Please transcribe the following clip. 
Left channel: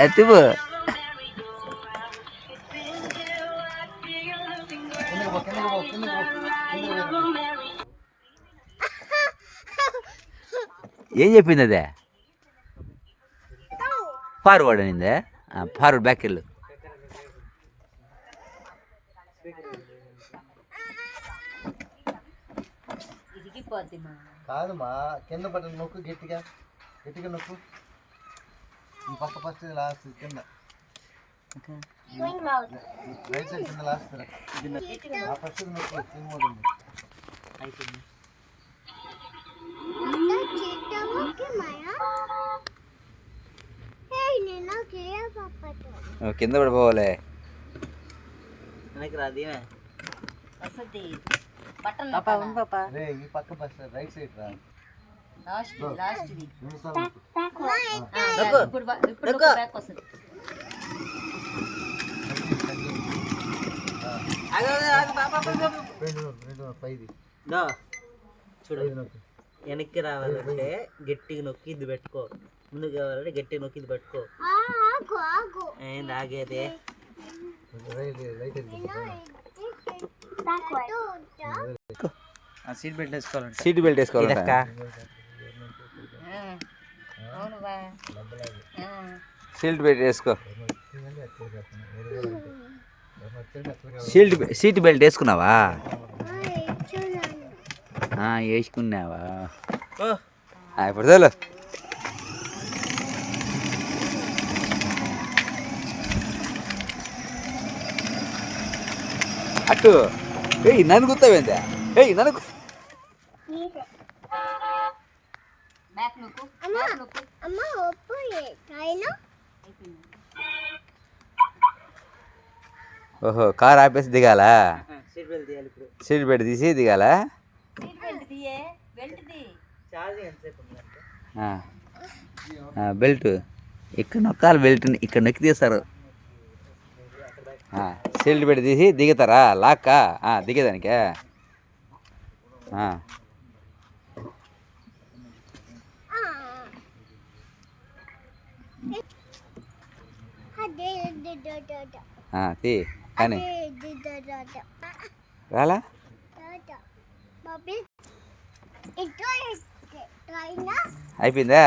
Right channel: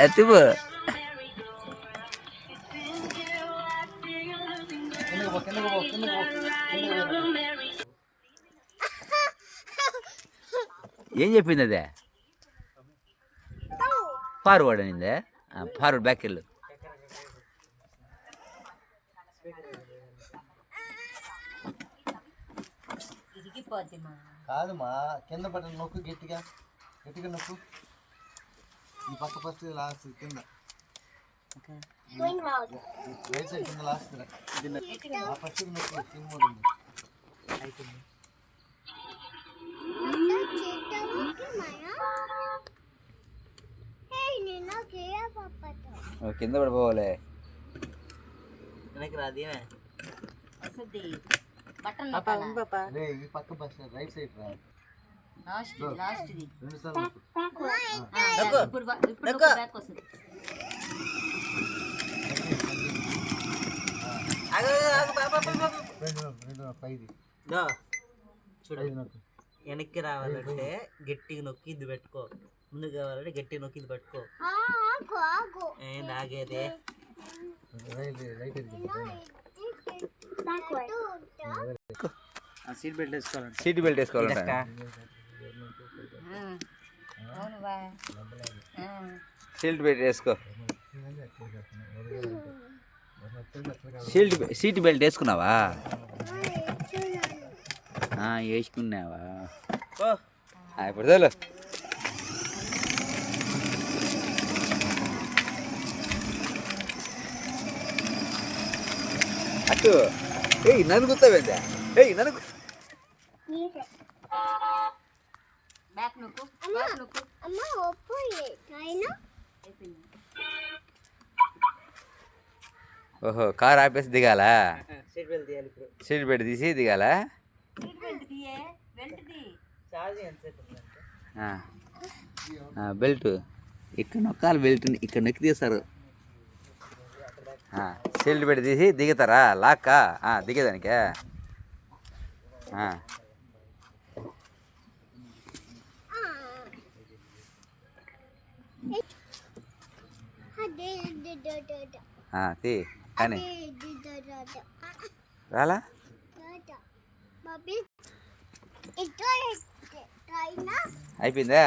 ఎత్తుపో. ఏం చెప్పింది అదే? ఫార్వర్డ్ అనిందే. ఫార్వర్డ్ బ్యాక్ వెళ్ళు. కాదుమా, కింద బటన్ నొక్కు, గట్టిగా గట్టిగా నొక్కు. ఈ పక్క ఫస్ట్, లాస్ట్ కింద, రైట్ సైడ్ కింద లాస్ట్ ఫస్ట్ నొక్కు. స్క్రీన్ మోడ్ ఉంది. కింద పడిపోవాలి. ఈ పక్క ఫస్ట్ రైట్ సైడ్ రా. చూడు, వెనక్కి రావాలంటే గట్టిగా నొక్కి ఇది పెట్టుకో. ముందుకు కావాలంటే గట్టిగా నొక్కి ఇది పెట్టుకో. ఆగేదే. సీట్ బెల్ట్ వేసుకోవాలంట. సీట్ బెల్ట్ వేసుకోవాలంట. సీట్ బెల్ట్ వేసుకో. సీట్ బెల్ట్ వేసుకున్నావా? వేసుకున్నావా? ఇప్పుడు తోలు. అటు నన్ను గుర్తావేందా? నన్ను ఓహో, కార్ ఆపేసి దిగాల. సీట్ బెల్ట్ తీసి దిగాల. బెల్ట్ ఇక్కడ నొక్కాలి. బెల్ట్ ఇక్కడ నొక్కి తీస్తారు. సీట్ బెల్ట్ తీసి దిగుతారా? లాక్కా దిగేదానికే. తీ కానీ రాలా. అయిపోయిందా?